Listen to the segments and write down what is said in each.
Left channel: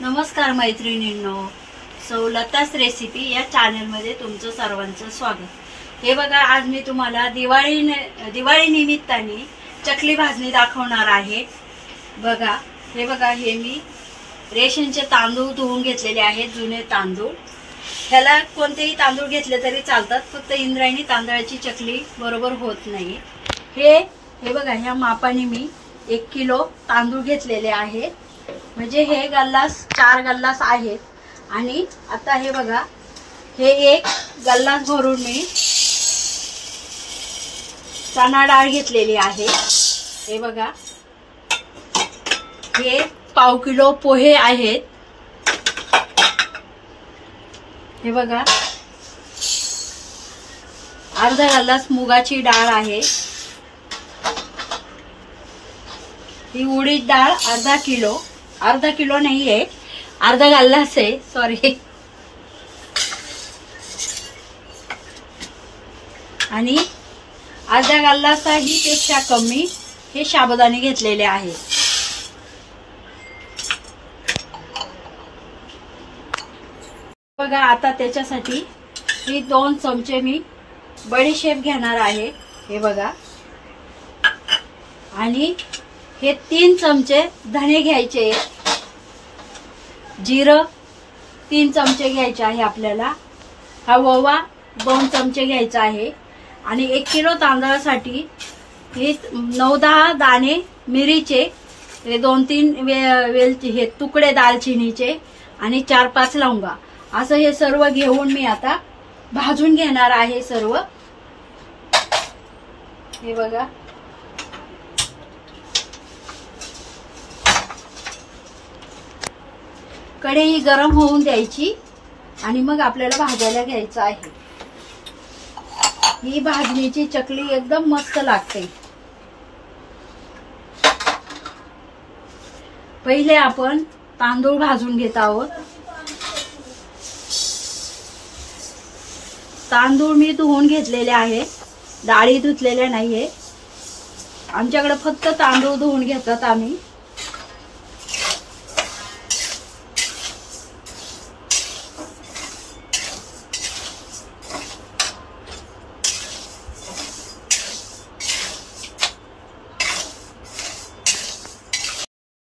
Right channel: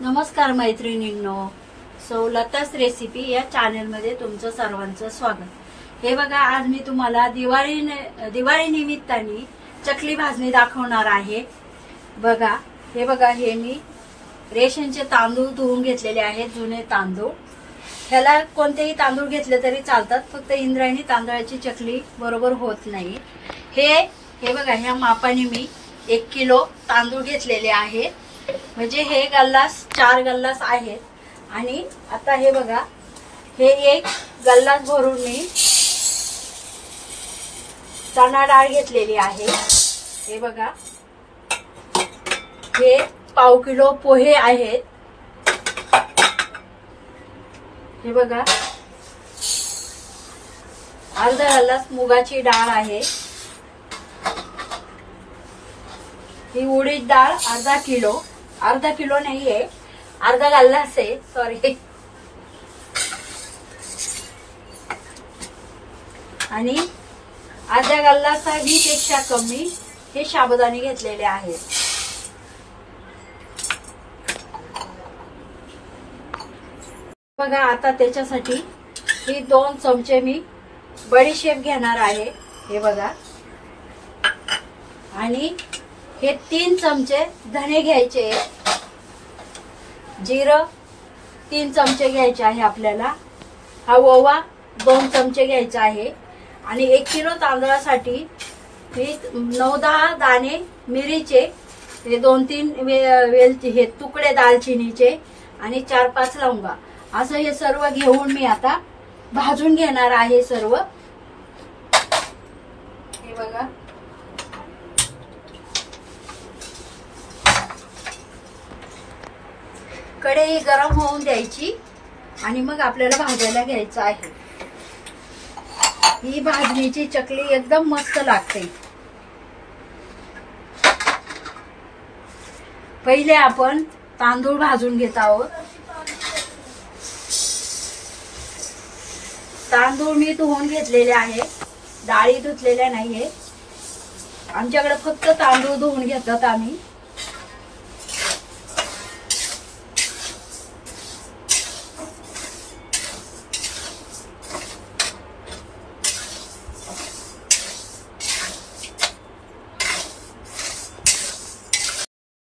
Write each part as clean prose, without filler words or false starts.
नमस्कार मैत्रिणींनो, सौलतास रेसिपी या चॅनलमध्ये तुमचं सर्वांचं स्वागत। हे बघा, आज मी तुम्हाला दिवाळी निमित्ताने चकली भाजणी दाखवणार आहे। बघा, हे बघा, हे मी रेशनचे तांदूळ धुवून घेतलेले आहेत, जुने तांदूळ। ह्याला कोणतेही तांदूळ घेतले तरी चालतात, फक्त इंद्रायणी तांदळाची चकली बरोबर होत नाही। हे बघा, ह्या मापाने मी 1 किलो तांदूळ घेतलेले आहेत, म्हणजे हे गल्लास 4 गल्लास आहेत। आणि आता हे बघा, हे 1 गल्लास भरून मी चणा डाळ घेतलेली आहे। हे बघा, हे पाव किलो पोहे आहेत। हे बघा, अर्धा गल्लास मुगाची डाळ आहे। ही उडीद डाळ अर्धा किलो नाहीये, अर्धा गल्लास आहे, सॉरी। आणि अर्धा गल्लासही पेक्षा कमी हे साबुदाणे घेतलेले आहेत। बघा, आता त्याच्यासाठी ही 2 चमचे मी बडीशेप घेणार आहे। हे बघा, आणि हे 3 चमचे धणे घ्यायचे, जिरं 3 चमचे घ्यायचे आहे आपल्याला, हा ओवा 2 चमचे घ्यायचा आहे। आणि 1 किलो तांदळासाठी हे 9-10 दाणे मिरीचे, हे 2-3 वेलची, हे तुकडे दालचिनीचे, आणि 4-5 लवंगा, असं हे सर्व घेऊन मी आता भाजून घेणार आहे सर्व। हे बघा, कढई गरम होऊन द्यायची आणि मग आपल्याला भाजायला घ्यायचं आहे। ही भाजणीची चकली एकदम मस्त लागते। पहिले आपण तांदूळ भाजून घेत आहोत। तांदूळ मी धुवून घेतलेले आहे, डाळी धुतलेल्या नाहीये, आमच्याकडे फक्त तांदूळ धुवून घेतात आम्ही।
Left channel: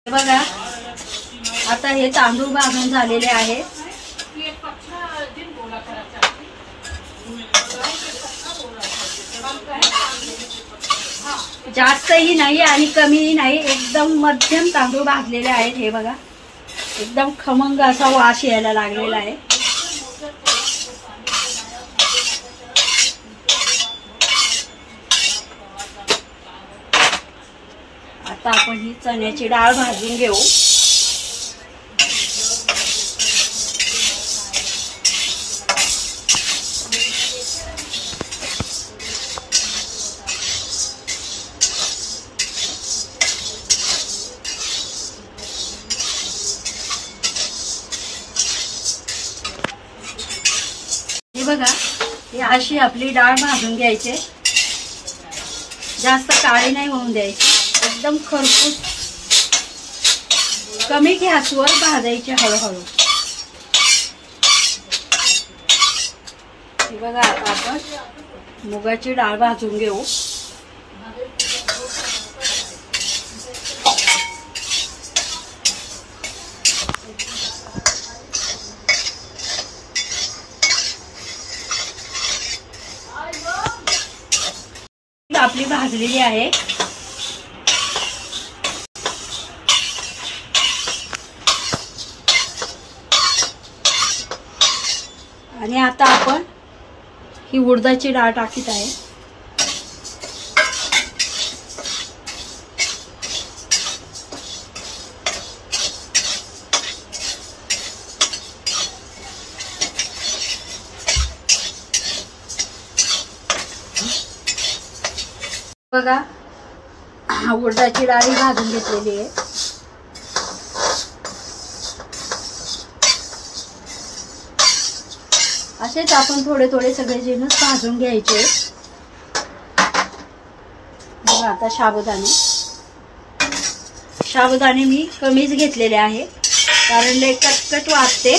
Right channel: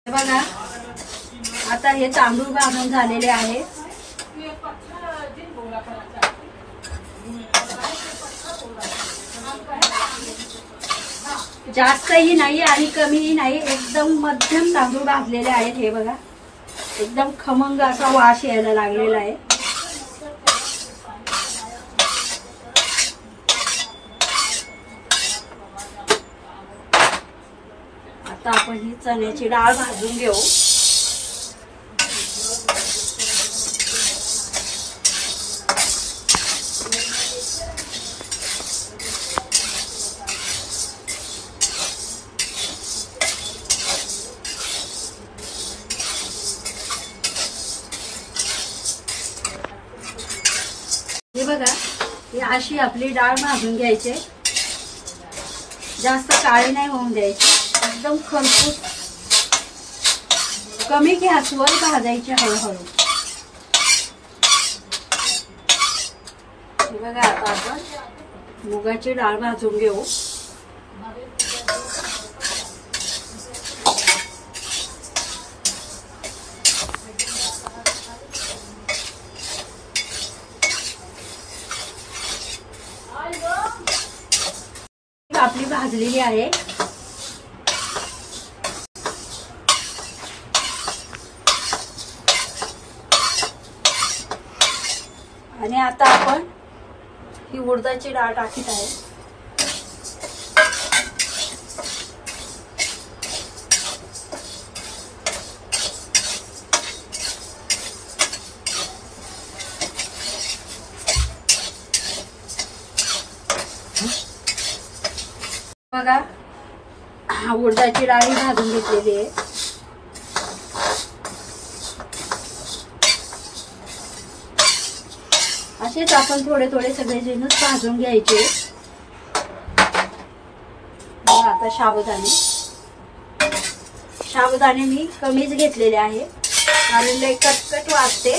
बघा, आता हे तांदूळ भाजून झालेले आहेत। जास्तही नाही आणि कमीही नाही, एकदम मध्यम तांदूळ भाजलेले आहेत। हे बघा, एकदम खमंग असा वास यायला लागलेला आहे। आता आपण ही चण्याची डाळ भाजून घेऊ। हे बघा, ही अशी आपली डाळ भाजून घ्यायची, जास्त काळी नाही होऊन द्यायची, एकदम खरपूस कमी गॅसवर भाजायची हळूहळू। हे बघा, आता आपण मुगाची डाळ भाजून घेऊ। आपली भाजलेली आहे। आणि आता आपण ही उडदाची डाळ टाकीत आहे। बघा, उडदाची डाळ भाजून घेतलेली आहे। असेच आपण थोडे थोडे सगळे जिन्नस भाजून घ्यायचे। बघा, आता साबुदाणे मी कमीच घेतलेले आहे। कारण लय कटकट लागते.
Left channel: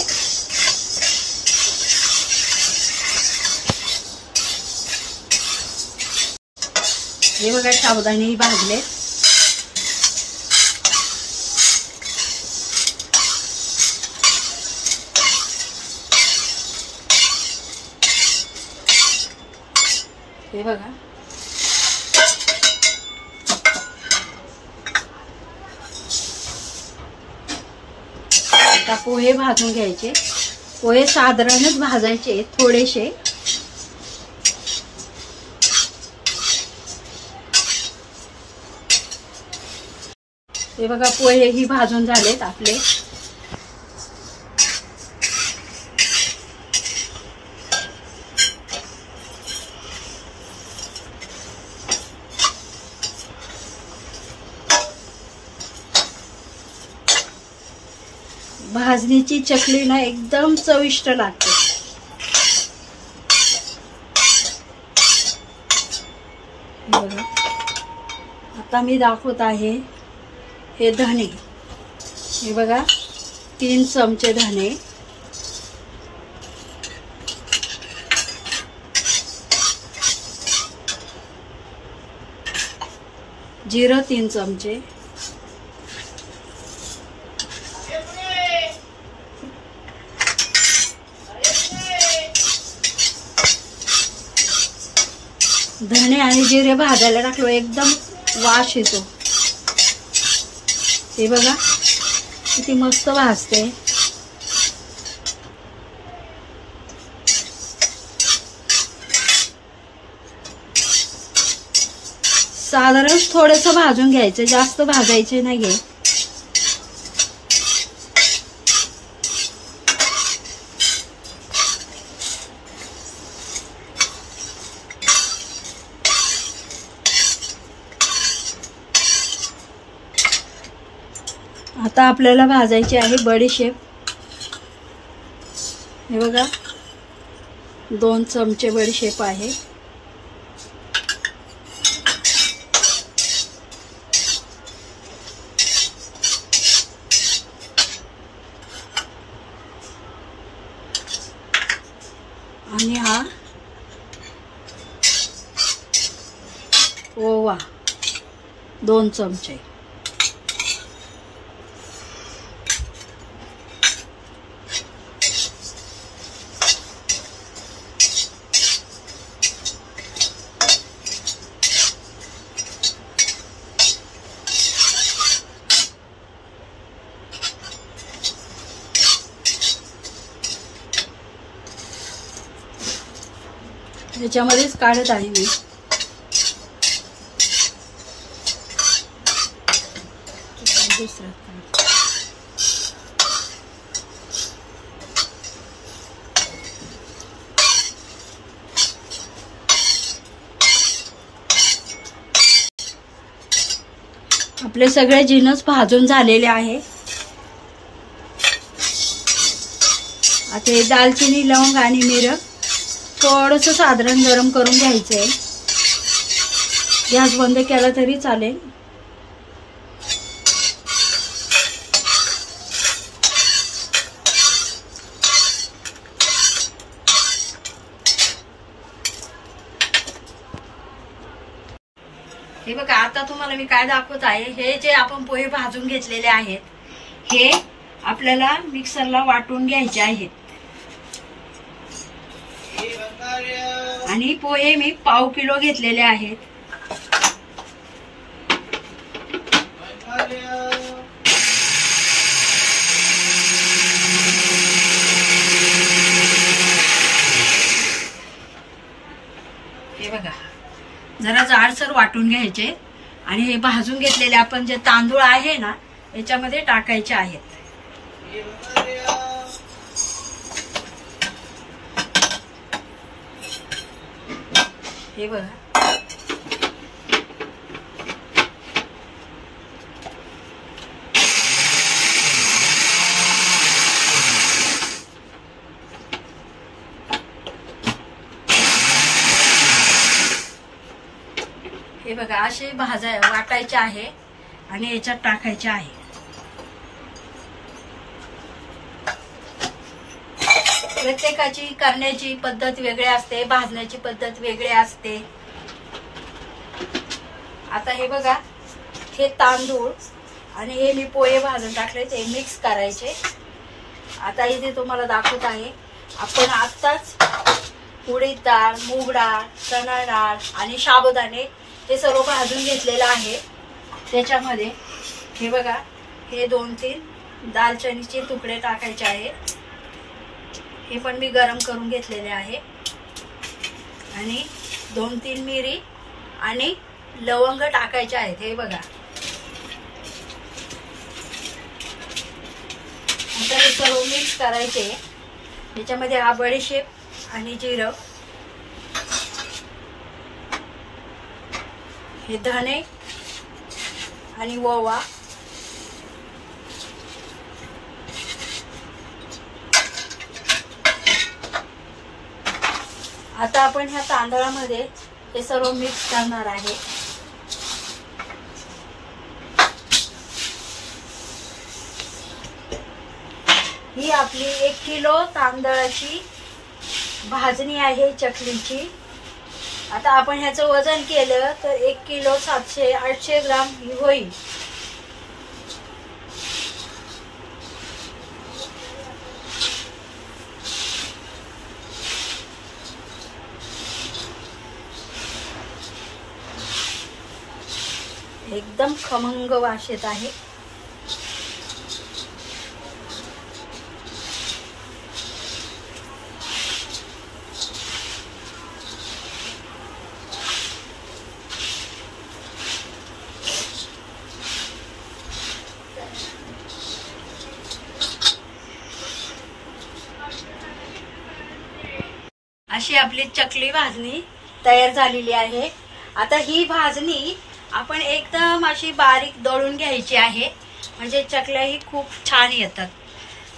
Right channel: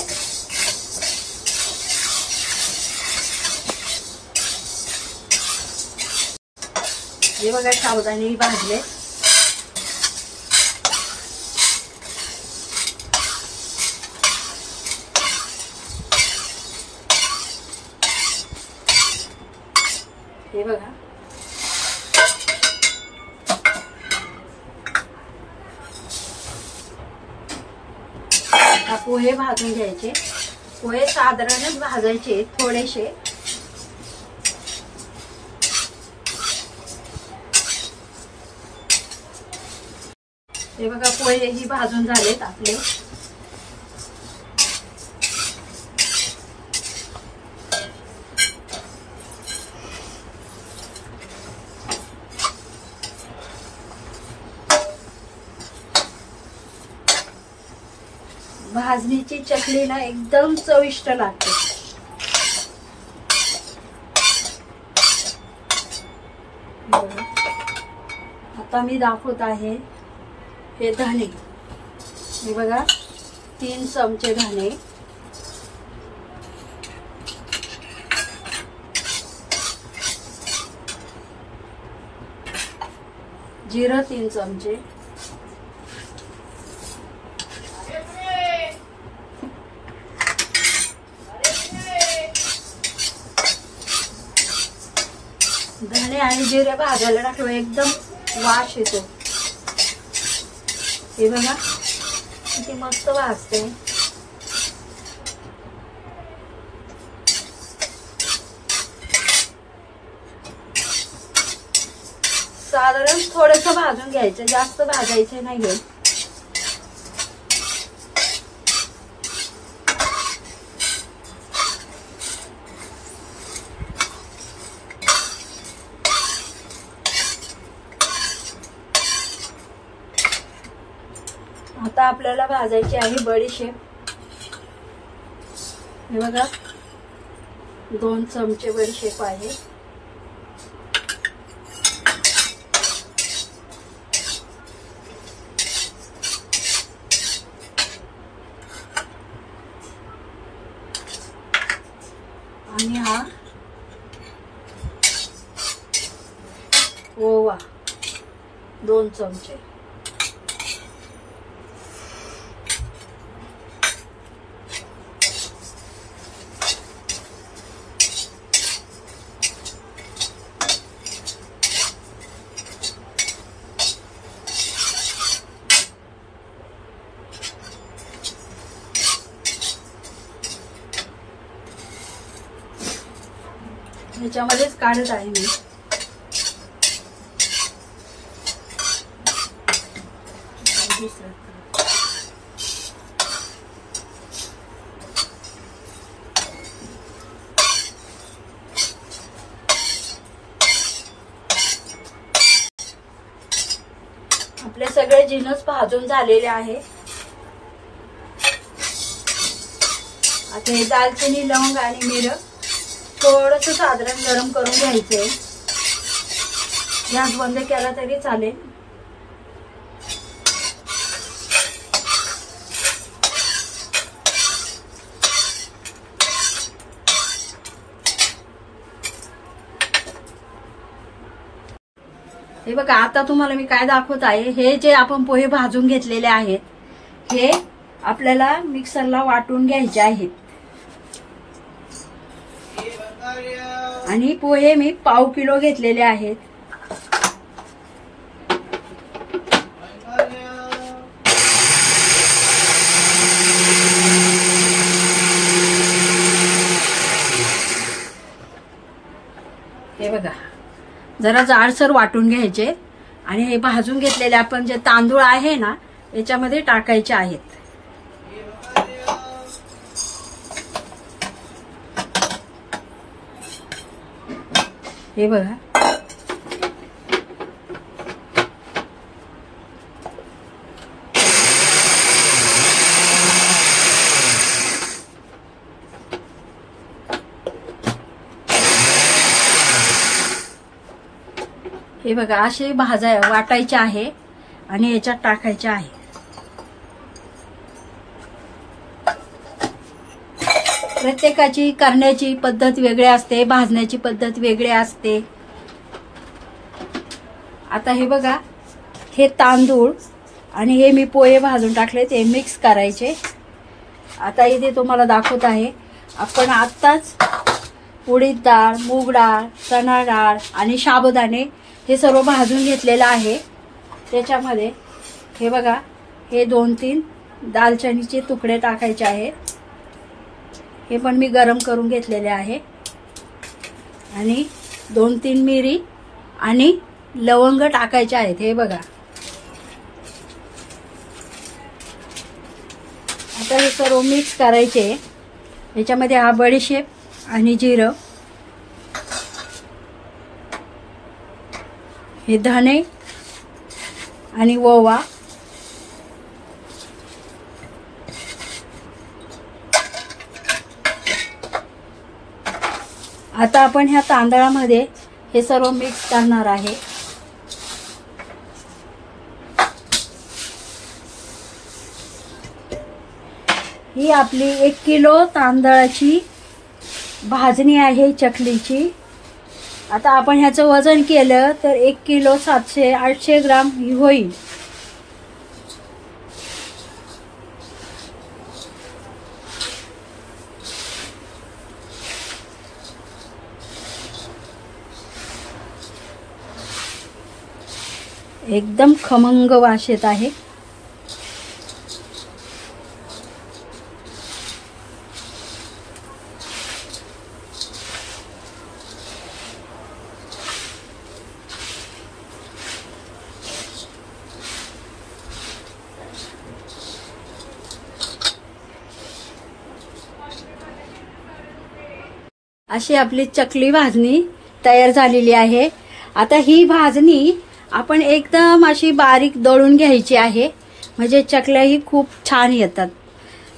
हे बघा सावधानी भाजले. हे बघा आता पोहे भाजून घ्यायचे. पोहे साधारणच भाजायचे थोडेसे. हे बघा पोहे ही भाजून झालेत आपले. भाजणीची चकली ना एकदम चविष्ट लागते. आता मी दाखवत आहे हे धणे. हे बघा 3 चमचे धणे, जिरं 3 चमचे, धणे आणि जिरे भाजायला टाकलं एकदम वास येतो. हे बघा किती मस्त भाजते. साधारण थोडस भाजून घ्यायचं, जास्त भाजायचे नाहीये. आता आपल्याला भाजायची आहे बडीशेप. हे बघा 2 चमचे बडीशेप आहे. आणि हा ओवा 2 चमचे. ह्याच्यामध्येच काढत आहे मी. आपले सगळे जिन्नस भाजून झालेले आहे. आता हे दालचिनी, लवंग आणि मिरं थोडंसं साधारण गरम करून घ्यायचंय. गॅस बंद केला तरी चालेल. हे बघा आता तुम्हाला मी काय दाखवत आहे. हे जे आपण पोहे भाजून घेतलेले आहेत हे आपल्याला मिक्सरला वाटून घ्यायचे आहेत. आणि पोहे मी पाव किलो घेतलेले आहेत. हे बघा जरा जाडसर वाटून घ्यायचे आणि हे भाजून घेतलेले आपण जे तांदूळ आहे ना याच्यामध्ये टाकायचे आहेत. हे बघा हे बघा असे वाटायचे आहे आणि याच्यात टाकायचे आहे. प्रत्येकाची करण्याची पद्धत वेगळी असते, भाजण्याची पद्धत वेगळी असते. आता हे बघा, हे तांदूळ आणि हे मी पोहे भाजून टाकले, ते मिक्स करायचे. आता इथे तुम्हाला दाखवत आहे, आपण आत्ताच उडीद डाळ, मूग डाळ, चणा डाळ आणि साबुदाणे हे सर्व भाजून घेतलेलं आहे. त्याच्यामध्ये हे बघा, हे 2-3 दालचिनीचे तुकडे टाकायचे आहे. हे पण मी गरम करून घेतलेले आहे. आणि 2-3 मिरी आणि लवंग टाकायचे आहेत. हे बघा, आता हे सर्व मिक्स करायचे. याच्यामध्ये हा बडीशेप आणि जिरं, हे धणे आणि ओवा, आता आपण ह्या तांदळामध्ये हे सर्व मिक्स करणार आहे. ही आपली 1 किलो तांदळाची भाजणी आहे चकलीची. आता आपण ह्याचं वजन केलं तर 1 किलो 700-800 ग्राम होईल. एकदम खमंग वास येत आहे. अशी आपली चकली भाजणी तयार झालेली आहे. आता ही भाजणी आपण एकदम अशी बारीक दळून घ्यायची आहे, म्हणजे चकल्याही खूप छान येतात.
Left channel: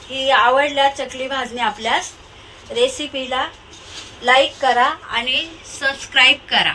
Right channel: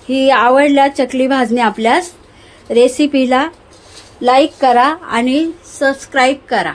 ही आवडल्या चकली भाजणी आपल्यास रेसिपीला लाईक करा आणि सबस्क्राईब करा.